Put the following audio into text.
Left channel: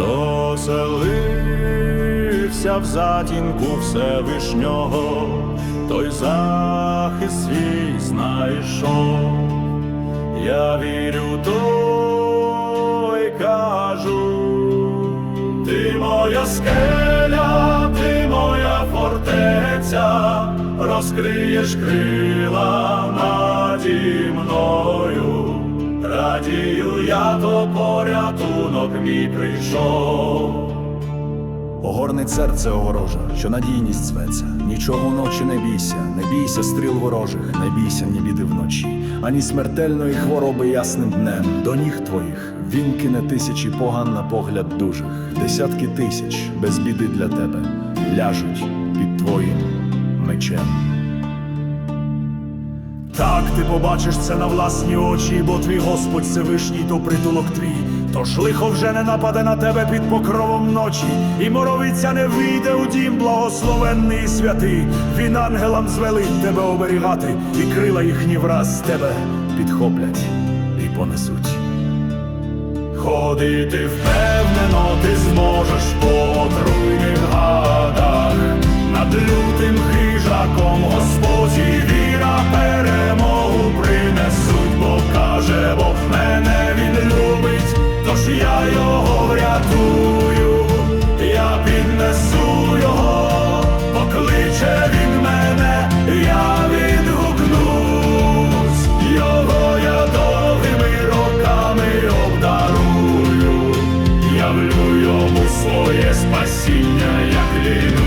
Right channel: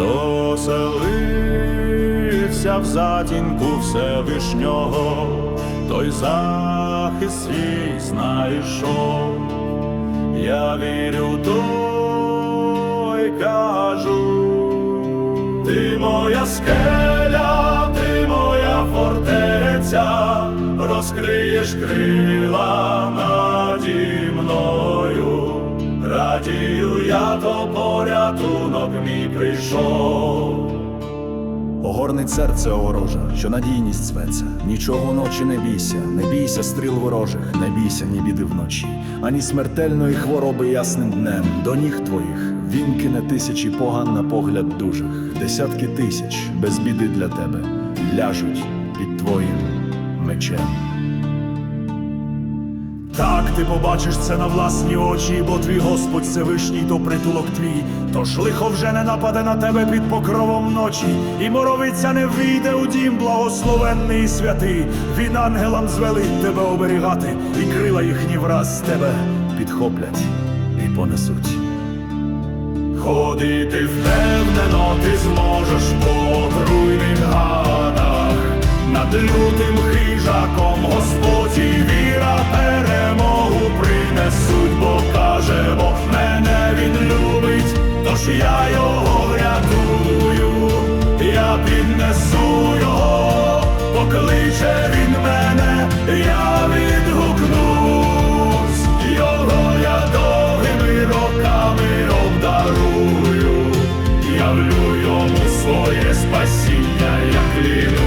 оселився в затінку Всевишнього, той захист свій знайшов. Я вірю, той кажу, ти моя скеля, ти моя фортеця, розкриєш крила радію я, то порятунок мій прийшов. Огорнить серце огорожа, що надійність зветься. Нічого ночі не бійся, не бійся стріл ворожих, не бійся ні біди вночі, ані смертельної хвороби ясним днем. До ніг твоїх він кине тисячі поган на погляд дужих, десятки тисяч без біди для тебе ляжуть під твоїм мечем. Так ти побачиш це на власні очі, бо твій Господь Всевишній то притулок твій. Тож лихо вже не нападе на тебе під покровом ночі, і моровиця не війде у дім благословенний і святий. Він ангелам звелить тебе оберігати, і крила їхні враз тебе підхоплять і понесуть. Ходити впевнено ти зможеш по отруйних гадах, над лютим хижаком Господь і віра перемогу принесуть, бо каже, бо мене він любить, тож я його врятую, я піднесу його, покличе він мене, я відгукнусь, його я довгими роками обдарую, явлю йому своє спасіння, як ліну.